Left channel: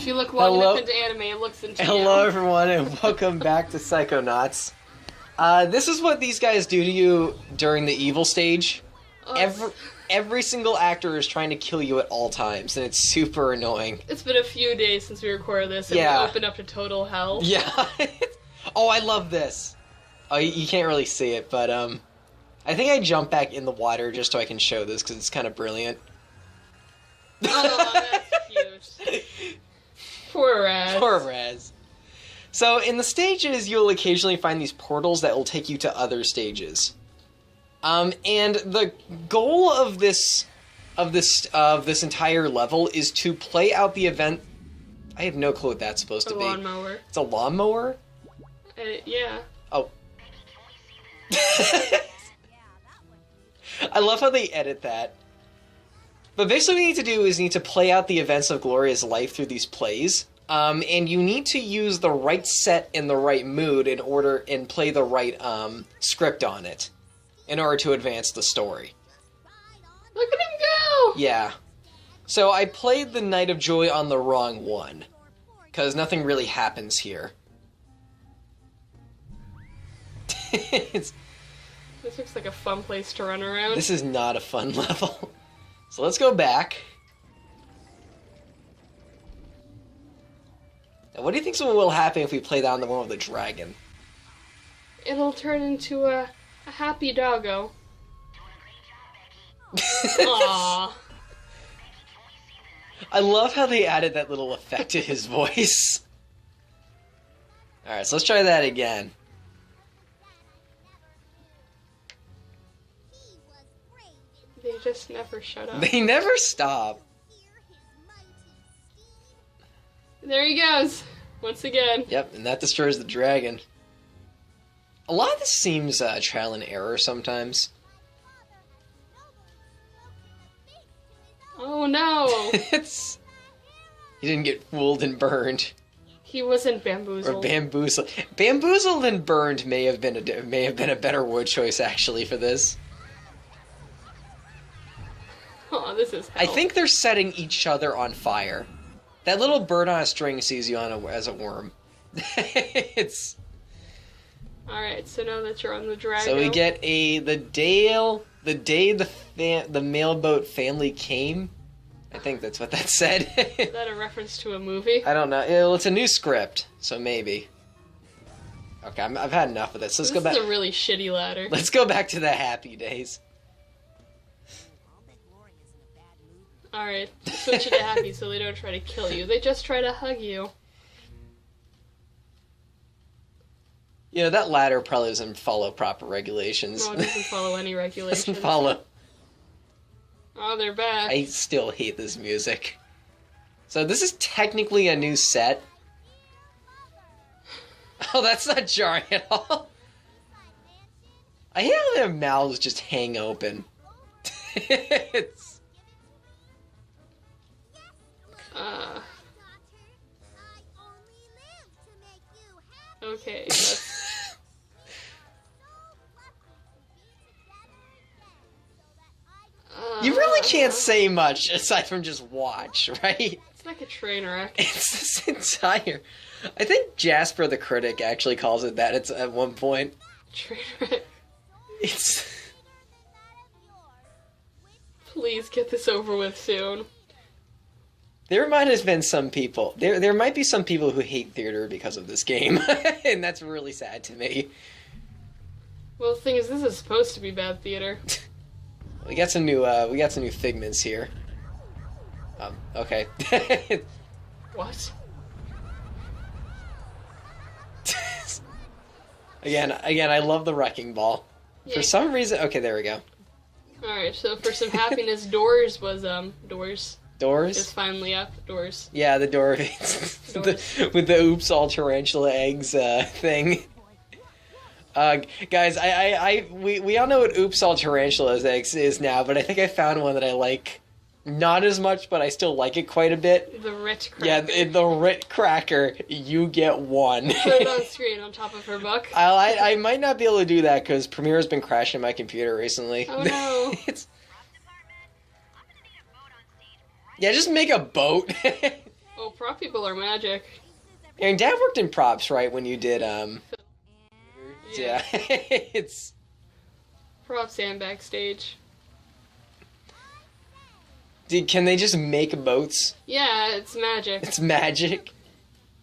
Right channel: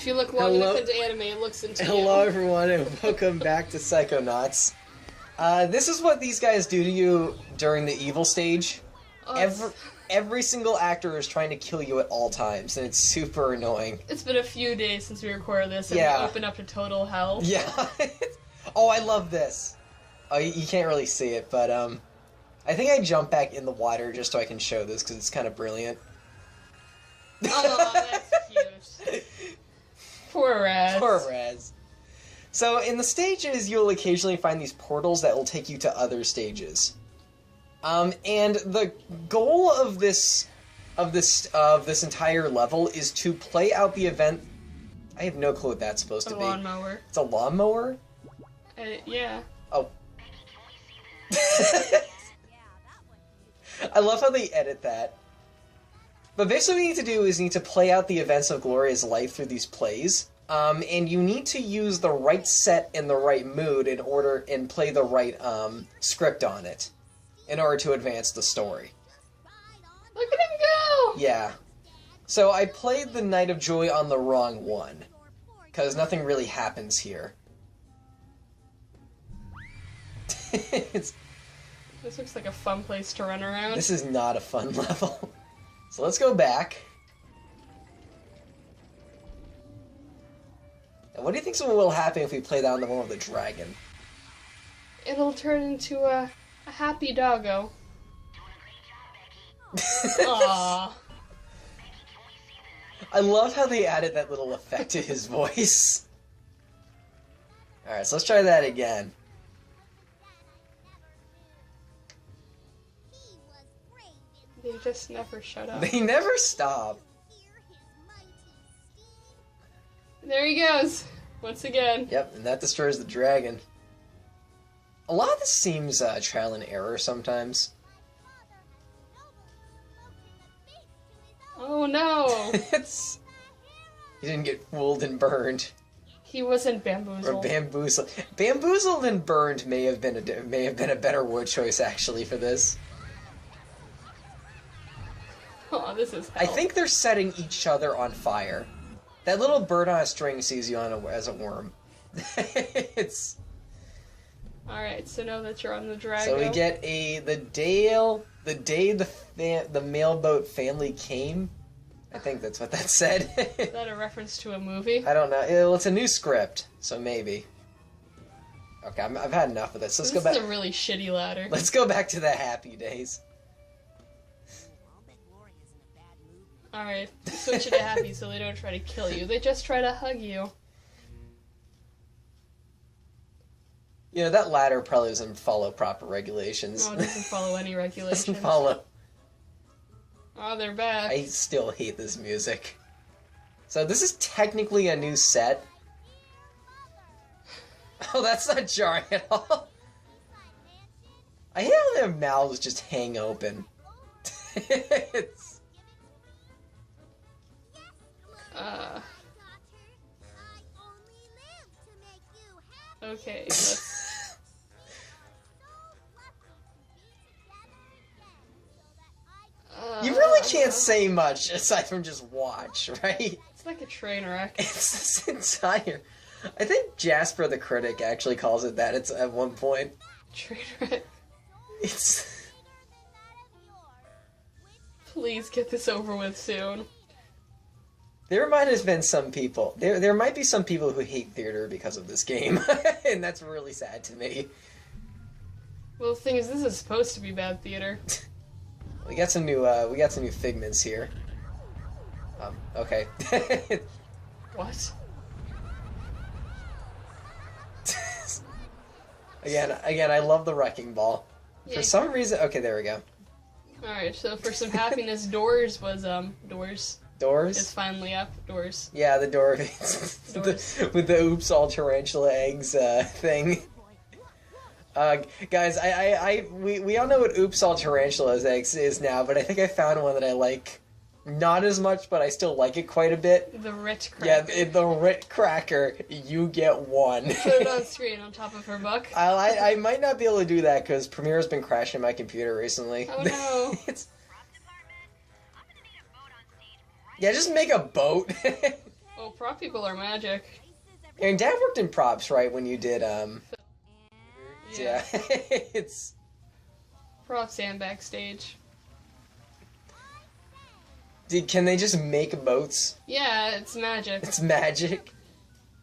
If you look long enough into anime, it looks into you. Hello, everyone, and welcome back to Psychonauts. This is what these guys do to you during the evil stage. Every single actor is trying to kill you at all times, and it's super annoying. It's been a few days since we recorded this, and we opened up to total hell. Yeah. Oh, I love this. Oh, you can't really see it, but I think I jumped back in the water just so I can show this, because it's kind of brilliant. Oh, that's cute. Poor Raz. Poor Raz. So, in the stages, you'll occasionally find these portals that will take you to other stages. And the goal of this entire level is to play out the event. I have no clue what that's supposed to be. A lawnmower. It's a lawnmower? Yeah. Oh. I love how they edit that. But basically what you need to do is you need to play out the events of Gloria's life through these plays. And you need to use the right set and the right mood and play the right script on it in order to advance the story. Look at him go! Yeah. So I played the Night of Joy on the wrong one, because nothing really happens here. This looks like a fun place to run around. This is not a fun level. So let's go back. Now, what do you think will happen if we play down the one with the dragon? It'll turn into a happy doggo. Aww. I love how they added that little effect to his voice. Alright, so let's try that again. They just never shut up. They never stop. There he goes, once again. Yep, and that destroys the dragon. A lot of this seems trial and error sometimes. Oh no! He didn't get fooled and burned. He wasn't bamboozled. Or bamboozled. Bamboozled and burned may have been a better word choice actually for this. Oh, this is hell. I think they're setting each other on fire. That little bird on a string sees you as a worm. It's... Alright, so now that you're on the dragon... So we get the day the mailboat family came. I think that's what that said. Is that a reference to a movie? I don't know. Well, it's a new script, so maybe. Okay, I've had enough of this. Let's go back. This is a really shitty ladder. Let's go back to the happy days. Alright, switch it to happy so they don't try to kill you. They just try to hug you. You know, that ladder probably doesn't follow proper regulations. No, it doesn't follow any regulations. Doesn't follow. Oh, they're back. I still hate this music. So this is technically a new set. Oh, that's not jarring at all. I hate how their mouths just hang open. It's... Okay, that's... You really can't say much aside from just watch, right? It's like a train wreck. It's this entire... I think Jasper the Critic actually calls it that at one point. Train wreck. It's... Please get this over with soon. There might have been some people... There might be some people who hate theater because of this game. And that's really sad to me. Well, the thing is, this is supposed to be bad theater. We got some new figments here. Okay. What? Again, I love the wrecking ball. Yeah. For some reason... Okay, there we go. Alright, so for some happiness, Doors was, Doors. Doors? It's finally up. Doors. Yeah, the door. Doors. With the oops all tarantula eggs thing. Guys, we all know what oops all tarantula eggs is now, but I think I found one that I like not as much, but I still like it quite a bit. The Rit Cracker. Yeah, the Rit Cracker. You get one. Put it on screen on top of her book. I might not be able to do that because Premiere's been crashing my computer recently. Oh no. Yeah, just make a boat. Oh Well, prop people are magic. Your dad worked in props, right? When you did, yeah. It's... Props and backstage. Can they just make boats? Yeah, it's magic. It's magic.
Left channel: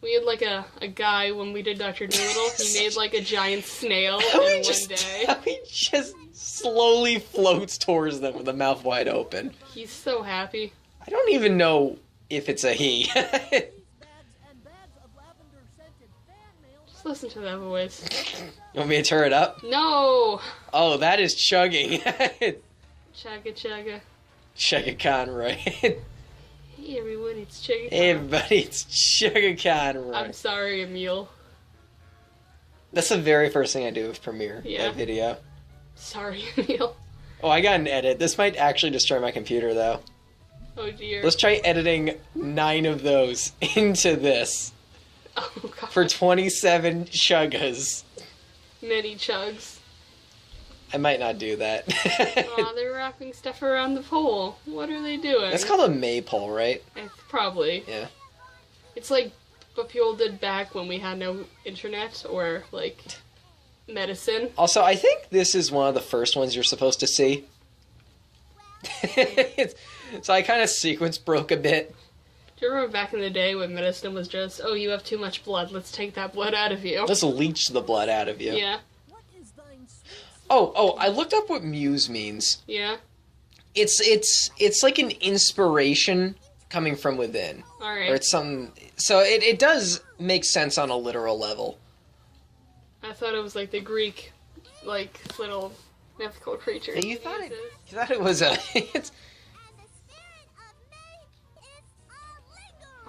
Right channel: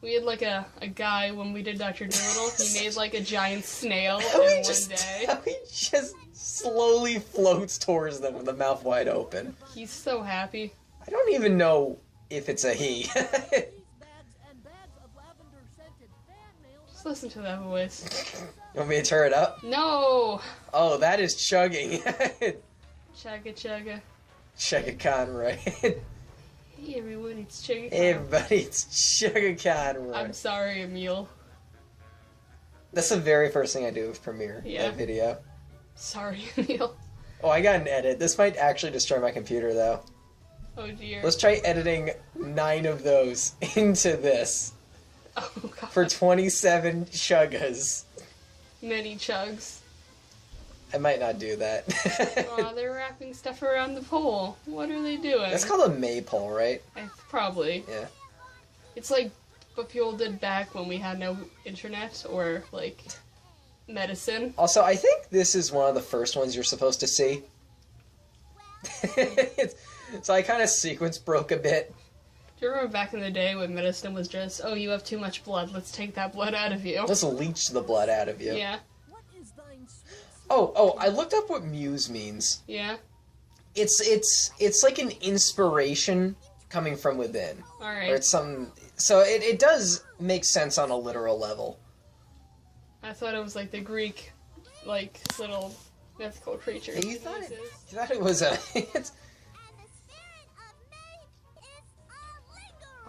We had like a guy when we did Dr. Doolittle. He made like a giant snail in How one he day. just slowly floats towards them with a mouth wide open. He's so happy. I don't even know if it's a he. Just listen to that voice. Want me to turn it up? No! Oh, that is chugging. Chugga chugga. Chugga Khan, right? Hey everyone, it's Chugga. Hey everybody, it's Chugga Khan, right? I'm sorry, Emil. That's the very first thing I do with Premiere, Yeah. that video. Sorry, Emil. Oh, I got an edit. This might actually destroy my computer, though. Oh dear. Let's try editing 9 of those into this. Oh god. For 27 chuggas. Many chugs. I might not do that. Aw, they're wrapping stuff around the pole. What are they doing? It's called a maypole, right? Probably. Yeah. It's like what people did back when we had no internet or, like, medicine. Also, I think this is one of the first ones you're supposed to see. So I kind of sequence broke a bit. Do you remember back in the day when medicine was just, oh, you have too much blood, let's take that blood out of you? Let's leech the blood out of you. Yeah. Oh, I looked up what muse means. Yeah? It's like an inspiration coming from within. Alright. Or it's something... So it does make sense on a literal level. I thought it was like the Greek, like, little mythical creature. You thought it was a...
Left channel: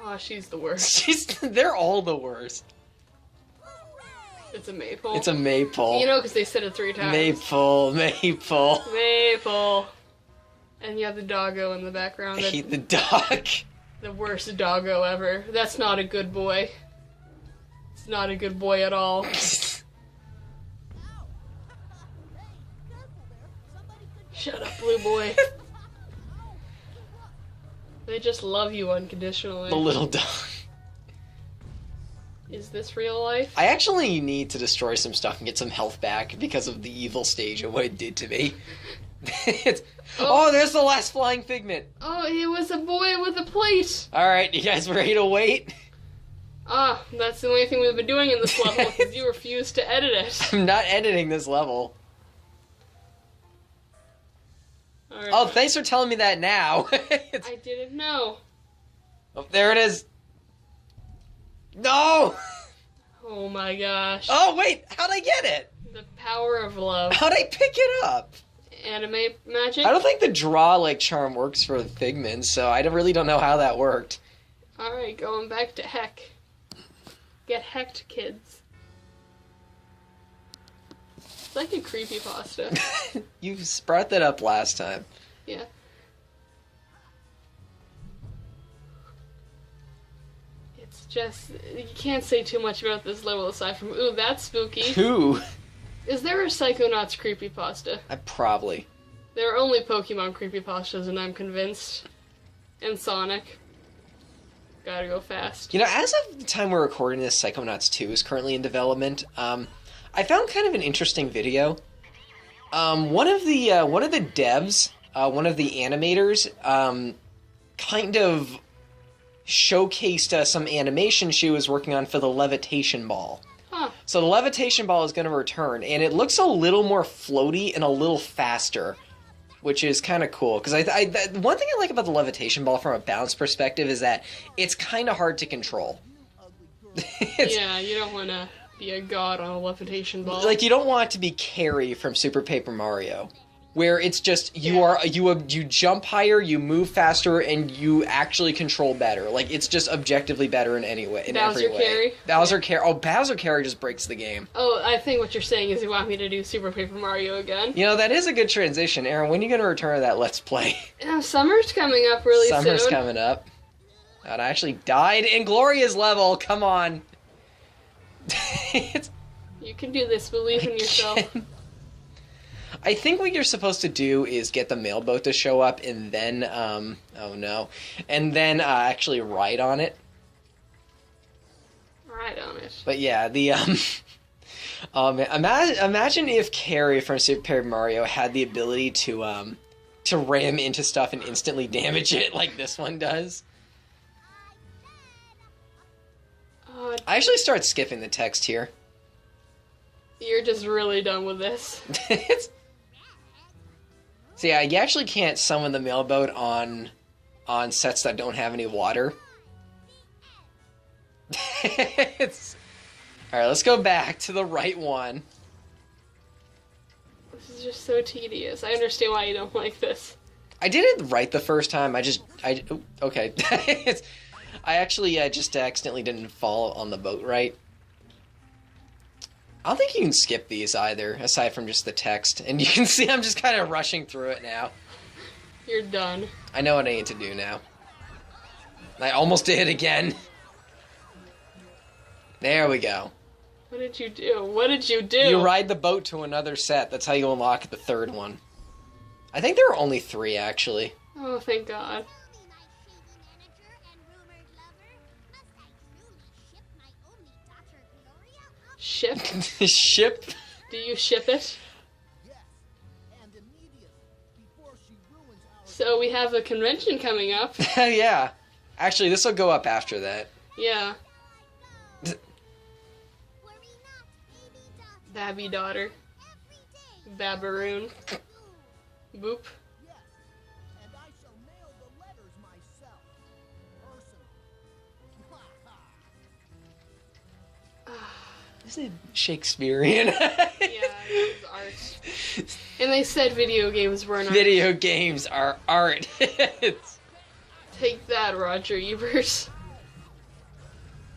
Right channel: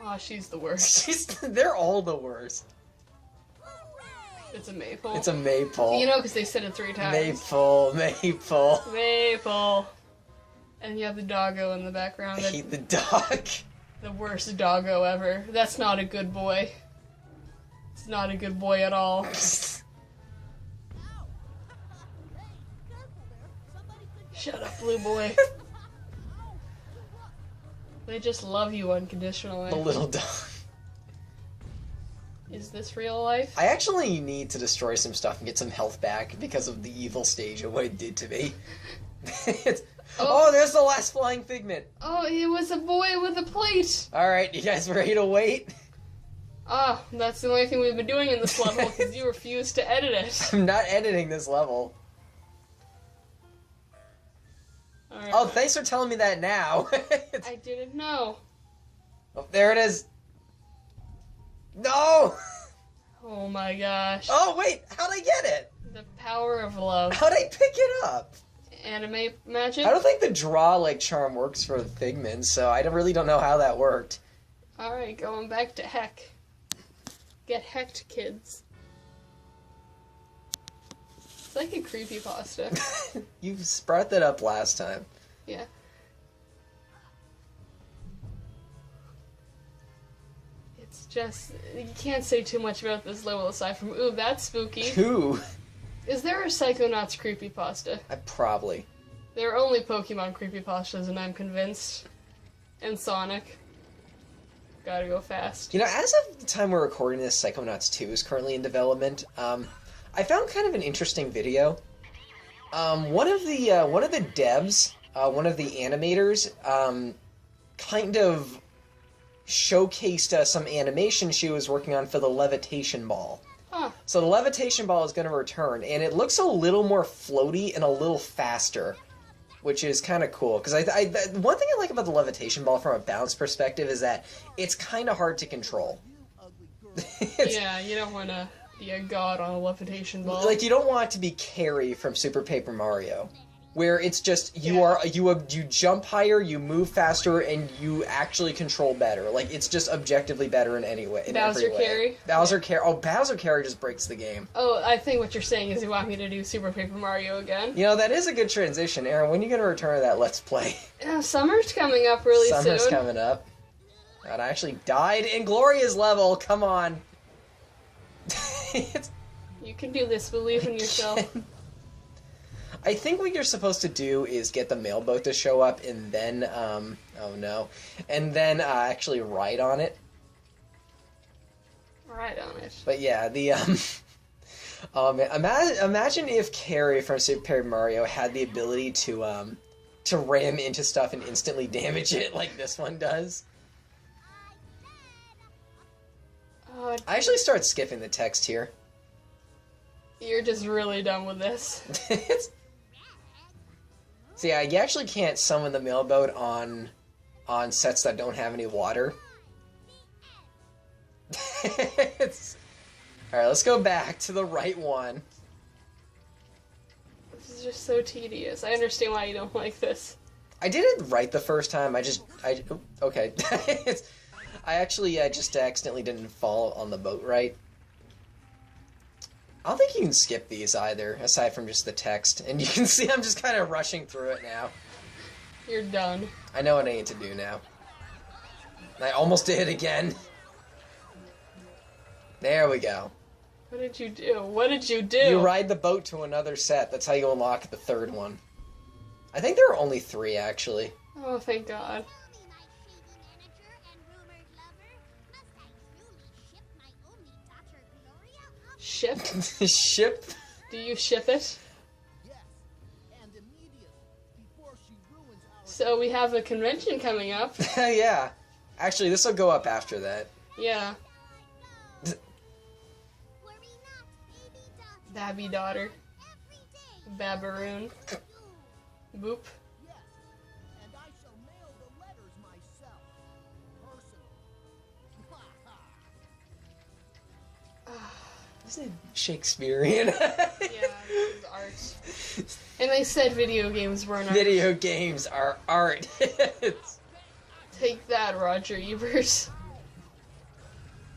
Oh, she's the worst. They're all the worst. It's a maypole. It's a maypole. You know, because they said it 3 times. Maypole. Maypole. And you have the doggo in the background. I hate the dog. The worst doggo ever. That's not a good boy. It's not a good boy at all. Shut up, blue boy. They just love you unconditionally. The little dog. Is this real life? I actually need to destroy some stuff and get some health back because of the evil stage and what it did to me. Oh, there's the last flying figment. Oh, it was a boy with a plate. Alright, you guys ready to wait? Ah, that's the only thing we've been doing in this level because you refuse to edit it. I'm not editing this level. Right. Oh, thanks for telling me that now. I didn't know. Oh, there it is. No! Oh my gosh. Oh, wait, how'd I get it? The power of love. How'd I pick it up? Anime magic? I don't think the draw, charm works for the figments, so I really don't know how that worked. Alright, going back to heck. Get hecked, kids. It's like a creepypasta. You brought that up last time. Yeah. It's just... You can't say too much about this level aside from, ooh, that's spooky. Who? Is there a Psychonauts creepypasta? Probably. There are only Pokemon creepypastas, and I'm convinced. And Sonic. Gotta go fast. You know, as of the time we're recording this, Psychonauts 2 is currently in development. I found kind of an interesting video. One of the devs, one of the animators, kind of showcased some animation she was working on for the levitation ball. Huh. So the levitation ball is going to return, and it looks a little more floaty and a little faster, which is kind of cool. Because one thing I like about the levitation ball from a balance perspective is that it's kind of hard to control. Yeah, you don't want to be a god on a levitation ball. Like, you don't want it to be Carrie from Super Paper Mario, where it's just you jump higher, you move faster, and you actually control better. Like, it's just objectively better in any way. In Bowser every way. Carrie? Bowser Carrie. Oh, Bowser Carrie just breaks the game. Oh, I think what you're saying is you want me to do Super Paper Mario again. You know, that is a good transition. Aaron, when are you going to return to that Let's Play? Summer's coming up really soon. Summer's coming up. God, I actually died in Gloria's level. Come on. You can do this. Believe in yourself. I think what you're supposed to do is get the mailboat to show up and then, oh no, and then actually ride on it. ride on it. But yeah, the imagine if Carrie from Super Mario had the ability to ram into stuff and instantly damage it like this one does. Oh, I actually start skipping the text here. you're just really done with this. So yeah, you actually can't summon the mailboat on sets that don't have any water. Alright, let's go back to the right one. This is just so tedious. I understand why you don't like this. I did it right the first time. Okay. I actually just accidentally didn't fall on the boat right. I don't think you can skip these either, aside from just the text. And you can see I'm just kind of rushing through it now. You're done. I know what I need to do now. I almost did again. There we go. What did you do? What did you do? You ride the boat to another set. That's how you unlock the third one. I think there are only 3, actually. Oh, thank God. Ship? Ship? Do you ship it? So we have a convention coming up. Yeah. Actually, this will go up after that. Yeah. Babby daughter. Babaroon. Boop. Isn't it Shakespearean? Yeah, it's art. And they said video games weren't art. Video games are art. Take that, Roger Ebert.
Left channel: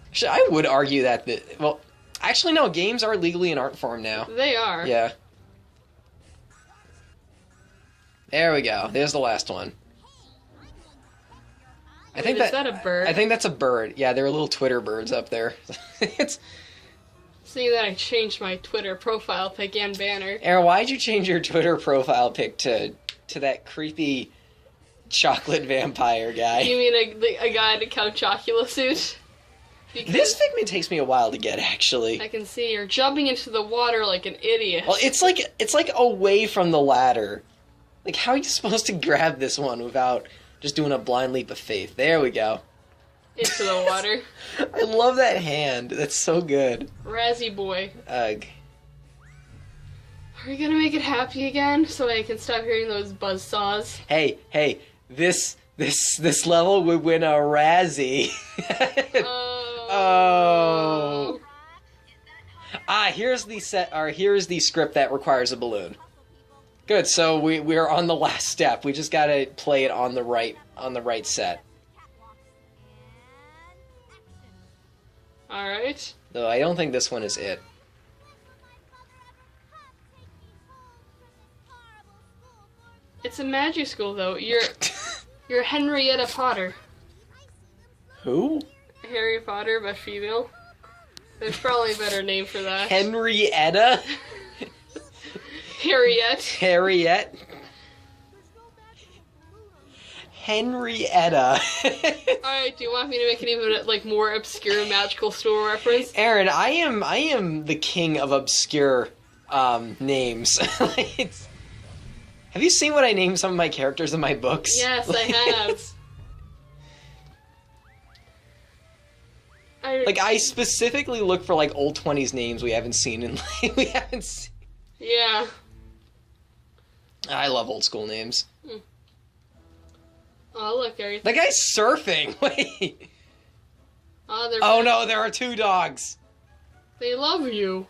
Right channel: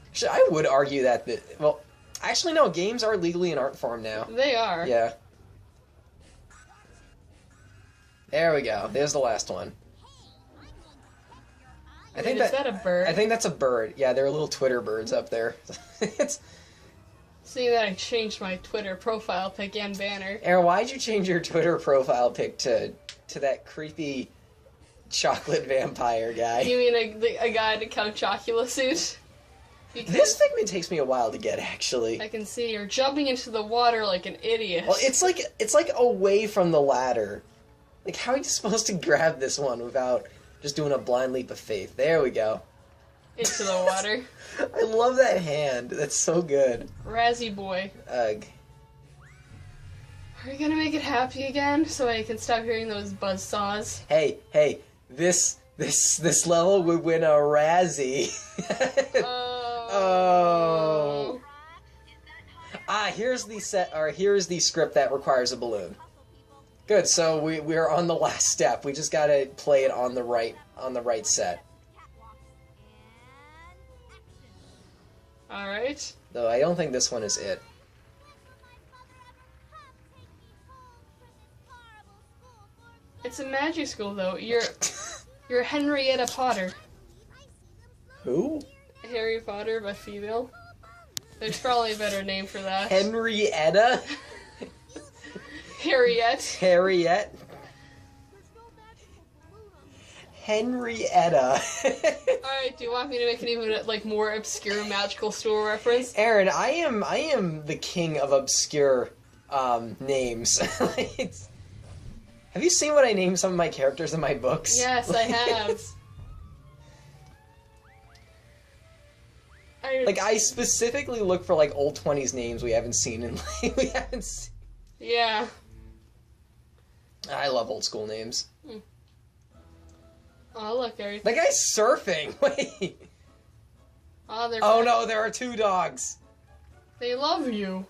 Actually, I would argue that well, actually no, games are legally an art form now. They are. Yeah. There we go. There's the last one. Is that a bird? I think that's a bird. Yeah, there are little Twitter birds up there. It's. Seeing that I changed my Twitter profile pic and banner. Aaron, why'd you change your Twitter profile pic to that creepy chocolate vampire guy? You mean a guy in a Count Chocula suit? Because this figment takes me a while to get, actually. I can see you're jumping into the water like an idiot. Well, it's like away from the ladder. Like, how are you supposed to grab this one without just doing a blind leap of faith? There we go. Into the water. I love that hand. That's so good. Razzie boy. Ugh. Are we gonna make it happy again so I can stop hearing those buzzsaws? Hey, this level would win a Razzie. Oh. Here's the script that requires a balloon. Good, so we're on the last step. We just gotta play it on the right set. Alright. Though I don't think this one is it. It's a magic school though. You're Henrietta Potter. Who? Harry Potter, but female. There's probably a better name for that. Henrietta? Harriet. Harriet? Henrietta. Alright, do you want me to make an even more obscure magical school reference? Aaron, I am the king of obscure names. Have you seen what I named some of my characters in my books? Yes, I have. I specifically look for old 20s names we haven't seen Yeah. I love old school names. Oh, look, Gary. The guy's surfing. Wait. Oh, no, there are 2 dogs. They love you.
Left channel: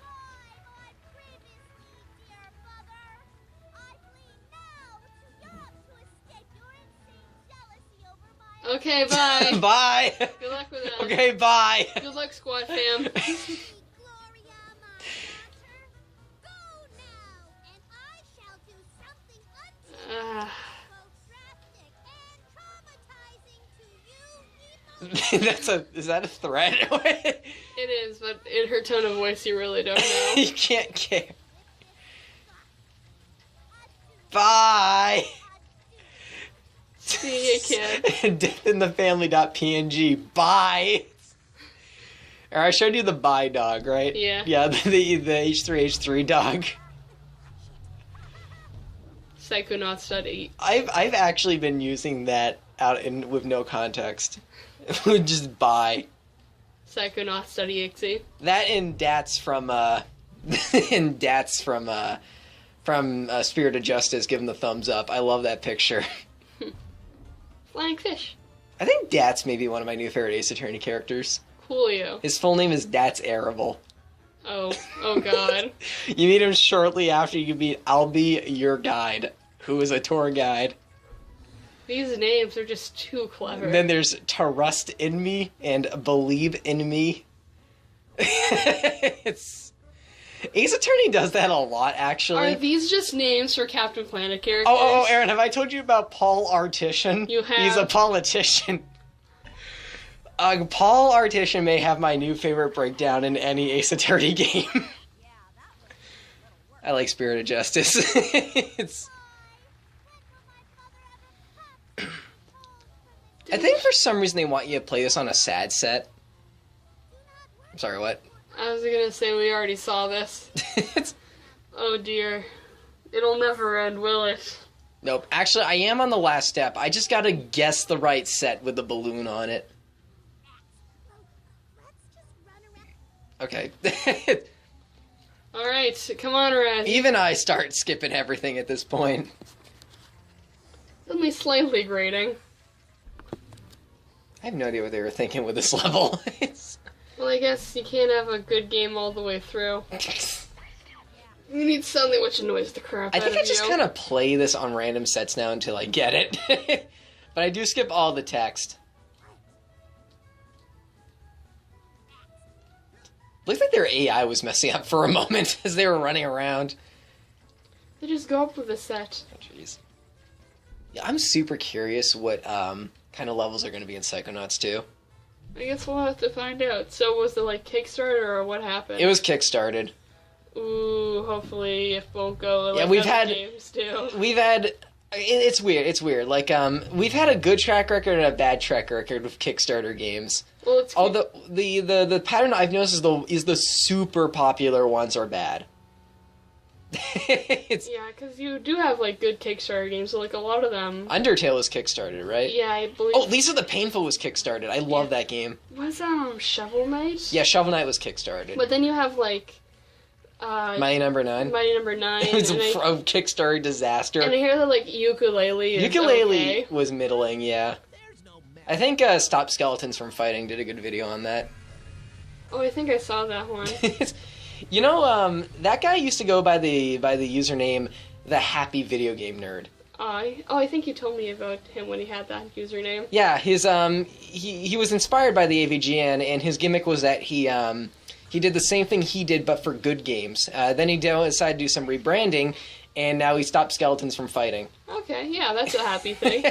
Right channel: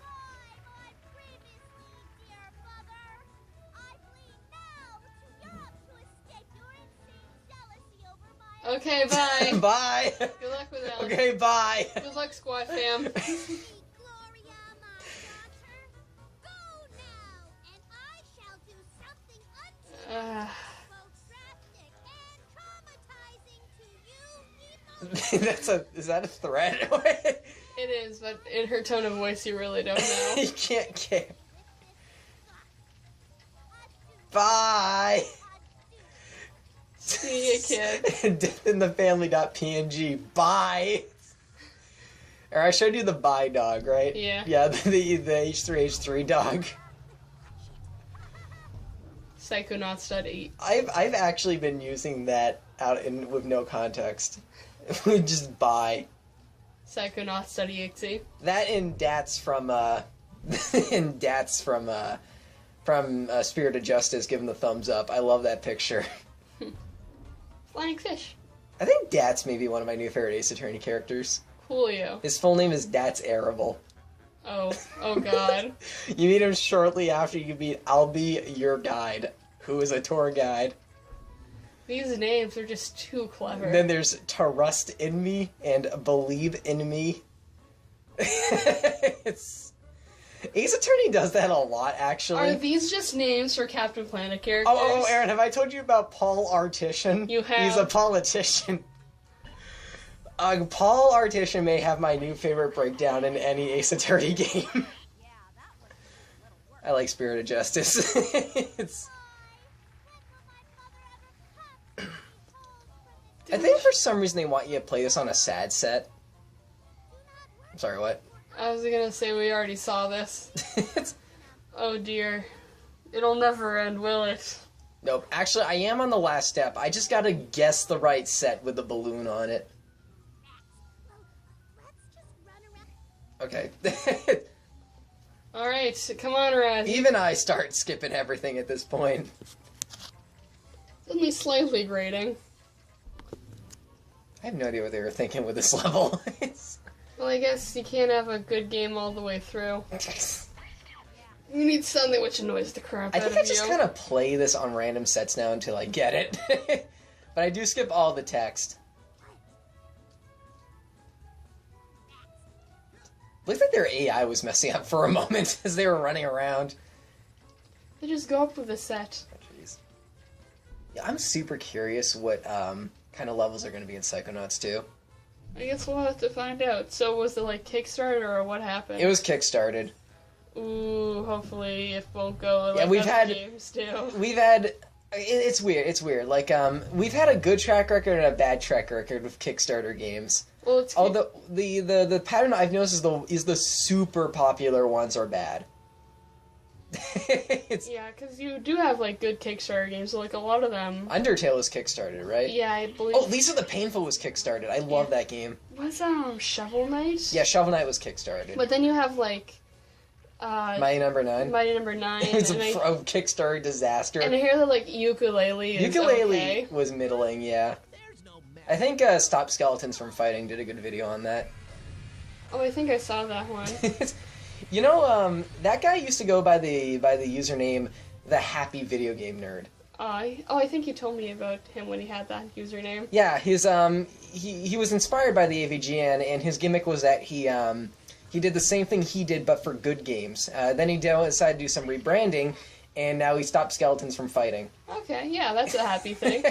Okay, bye. Bye. Good luck with that. Okay, bye. Good luck, squad fam. Is that a threat? It is, but in her tone of voice, you really don't know. You can't care. Bye. See you, kid. Death in the family.png. Bye. Or I showed you the bi dog, right? Yeah. Yeah, the H3H3 dog. Psychonauts.8. I've actually been using that with no context. Just bi. Psychonauts.exe. That and Dats from Spirit of Justice. Give him the thumbs up. I love that picture. Flying fish. I think Dats may be one of my new favorite Ace Attorney characters. Coolio. His full name is Dats Arable. Oh god. You meet him shortly after you meet I'll Be Your Guide, who is a tour guide. These names are just too clever. And then there's Trust in Me and Believe in Me. Ace Attorney does that a lot, actually. Are these just names for Captain Planet characters? Oh, Aaron, have I told you about Paul Artician? You have. He's a politician. Paul Artician may have my new favorite breakdown in any Ace Attorney game. I like Spirit of Justice. I think for some reason they want you to play this on a sad set. I'm sorry, what? I was gonna say we already saw this. Oh dear. It'll never end, will it? Nope. Actually, I am on the last step. I just gotta guess the right set with the balloon on it. Okay. Alright, come on, Raz. Even I start skipping everything at this point. Only slightly grating. I have no idea what they were thinking with this level. Well, I guess you can't have a good game all the way through. You need something which annoys the crap out of you. I think I just kind of play this on random sets now until I get it. But I do skip all the text. Looked like their AI was messing up for a moment as they were running around. They just go up with a set. Oh, jeez. Yeah, I'm super curious what kind of levels are going to be in Psychonauts 2. I guess we'll have to find out. So was it like Kickstarter or what happened? It was kickstarted. Ooh, hopefully it won't go like we've other had games do. We've had it's weird. Like we've had a good track record and a bad track record with Kickstarter games. Well, it's the pattern I've noticed is the super popular ones are bad. Yeah, because you do have like good Kickstarter games. So, like a lot of them. Undertale is kickstarted, right? Yeah, I believe. Oh, Lisa the Painful was kickstarted. I love that game. Was Shovel Knight? Yeah, Shovel Knight was kickstarted. But then you have like. Mighty Number 9. Mighty Number 9. It's a Kickstarter disaster. And I hear that like Ukulele is okay. Was middling, yeah. I think Stop Skeletons from Fighting did a good video on that. Oh, I think I saw that one. You know, that guy used to go by the username The Happy Video Game Nerd. I think you told me about him when he had that username. Yeah, his he was inspired by the AVGN, and his gimmick was that he did the same thing he did but for good games. Then he decided to do some rebranding, and now he stopped Skeletons from Fighting. Okay, yeah, that's a happy thing.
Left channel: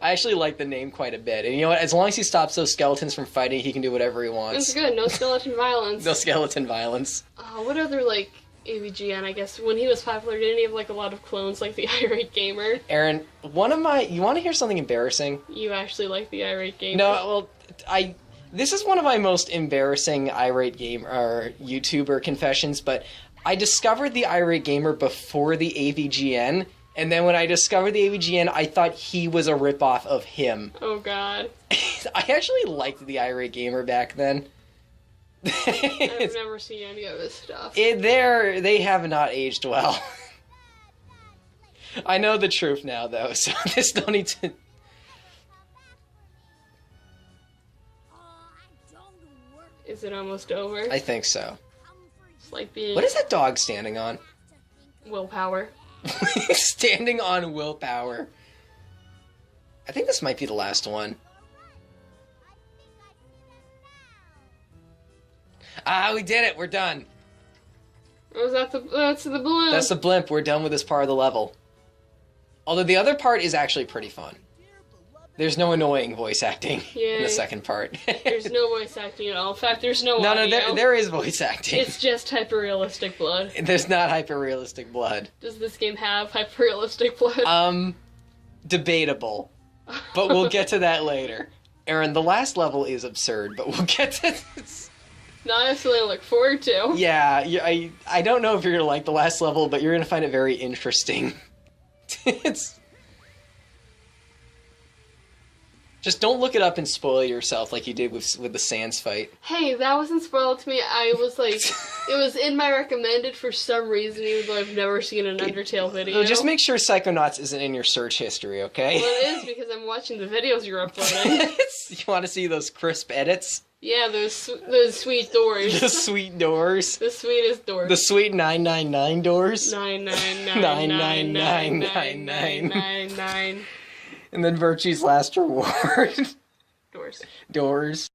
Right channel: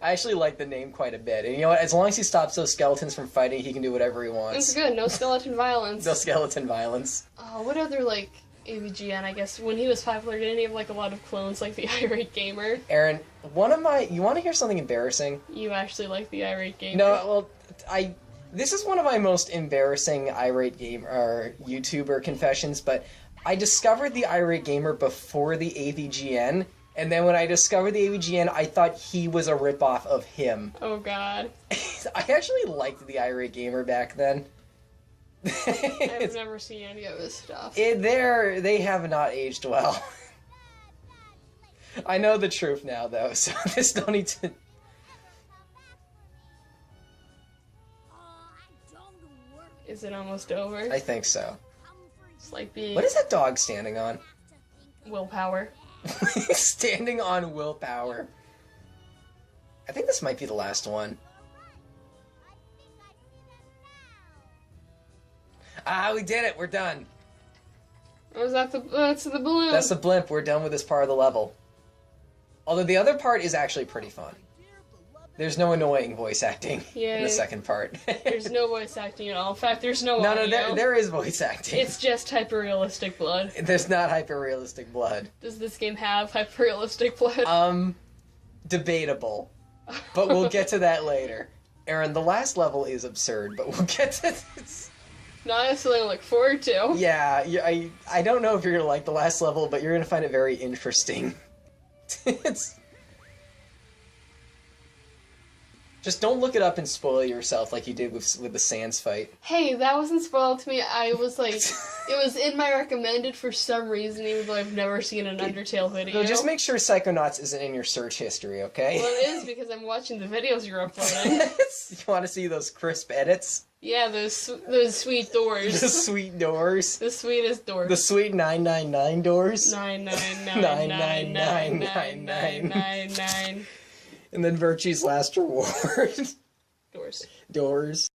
I actually like the name quite a bit. And you know what? As long as he stops those skeletons from fighting, he can do whatever he wants. It's good. No skeleton violence. No skeleton violence. What other, like, AVGN, I guess, when he was popular, didn't he have, like, a lot of clones, like the Irate Gamer? Aaron, you want to hear something embarrassing? You actually like the Irate Gamer? No, well, this is one of my most embarrassing Irate Gamer, or YouTuber confessions, but I discovered the Irate Gamer before the AVGN, and then when I discovered the AVGN, I thought he was a ripoff of him. Oh, God. I actually liked the Irate Gamer back then. I've never seen any of his stuff. They have not aged well. I know the truth now, though, so there's no need to... Is it almost over? I think so. It's like being... What is that dog standing on? Willpower. Standing on willpower. I think this might be the last one. Ah, we did it. We're done. Was that that's the balloon? That's the blimp. We're done with this part of the level. Although the other part is actually pretty fun. There's no annoying voice acting in the second part. There's no voice acting at all. In fact, there's no audio. No, there is voice acting. It's just hyper-realistic blood. There's not hyper-realistic blood. Does this game have hyper-realistic blood? Debatable. But we'll get to that later. Aaron, the last level is absurd, but we'll get to this. Now I have something to look forward to. Yeah, I don't know if you're gonna like the last level, but you're gonna find it very interesting. It's... Just don't look it up and spoil yourself like you did with the Sans fight. Hey, that wasn't spoiled to me. I was like, it was in my recommended for some reason, even though I've never seen an Undertale video. So just make sure Psychonauts isn't in your search history, okay? Well, it is because I'm watching the videos you're uploading. You want to see those crisp edits? Yeah, those sweet doors. The sweet doors. The sweetest doors. The sweet 999 doors. 999999999. And then Virtue's last reward. Doors. Doors.